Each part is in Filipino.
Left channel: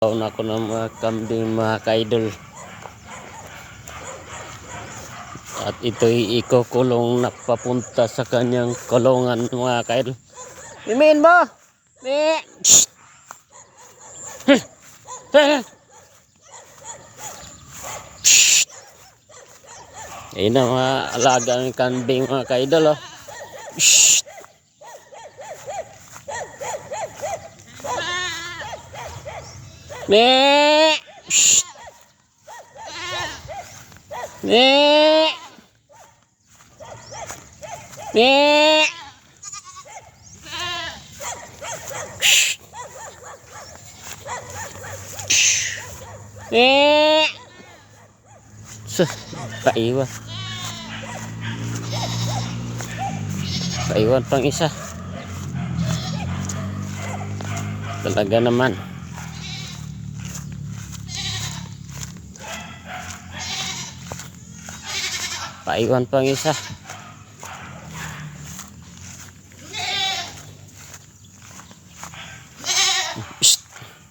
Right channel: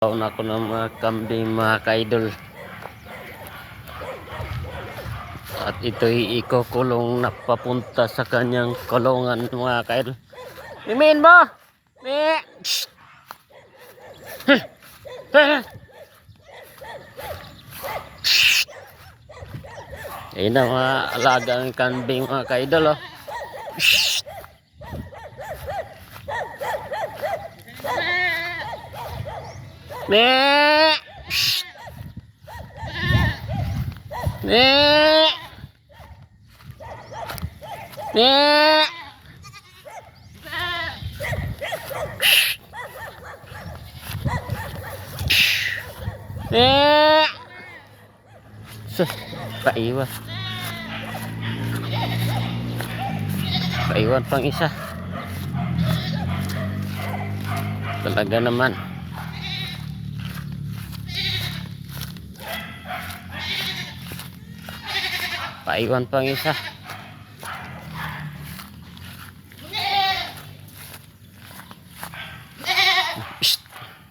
Taon ako ng mga kambing mga kaidol. At ito'y ikukulong na papunta sa kanyang kulungan mga kaidol. Imin mo! Ni! Ayun na mga alagang kambing mga kaidol. Oh. Ni! Ni! Ni! Ni! Paiwan. Paiwan pang isa. Talaga naman. Paiwan pang isa.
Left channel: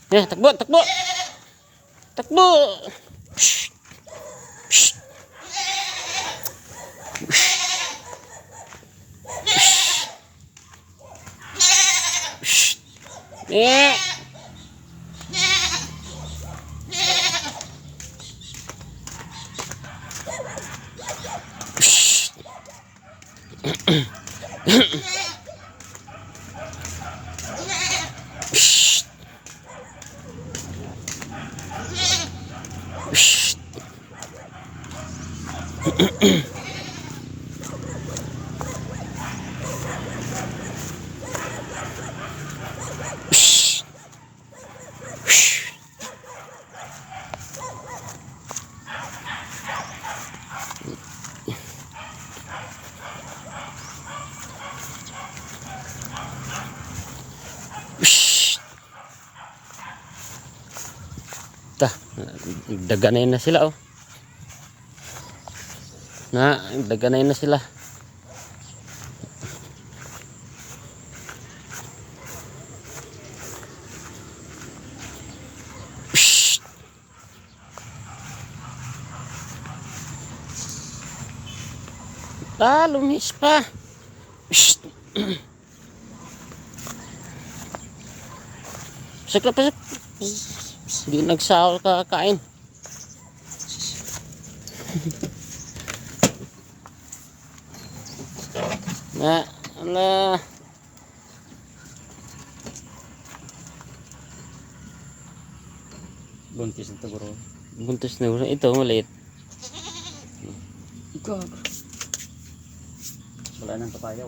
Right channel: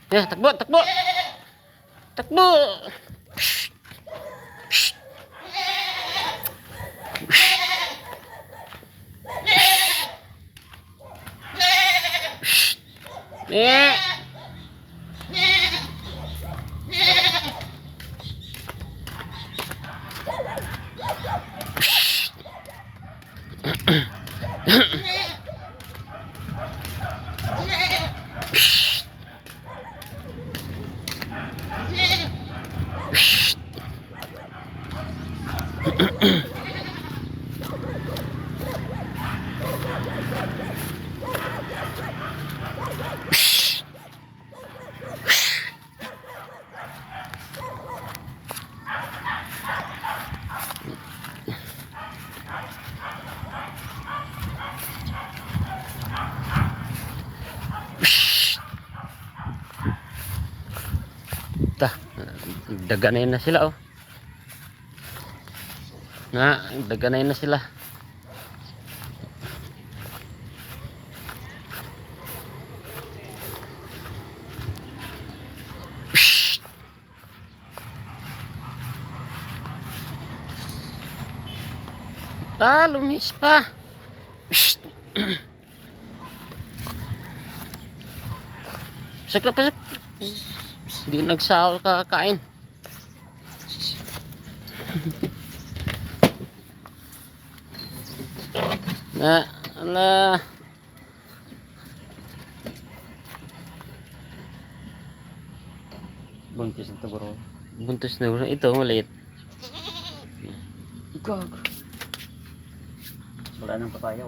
Ya, takbo, takbo. Takbo. Eh. Daganay na sila oh. Daganay na sila. Lumis pa. Pasok na, pasok. Hindi nagsahol kakain. Ala. Buntis na ito bro. Buntis na bro. Ito maliit. Ikaw. Wala nang papaya.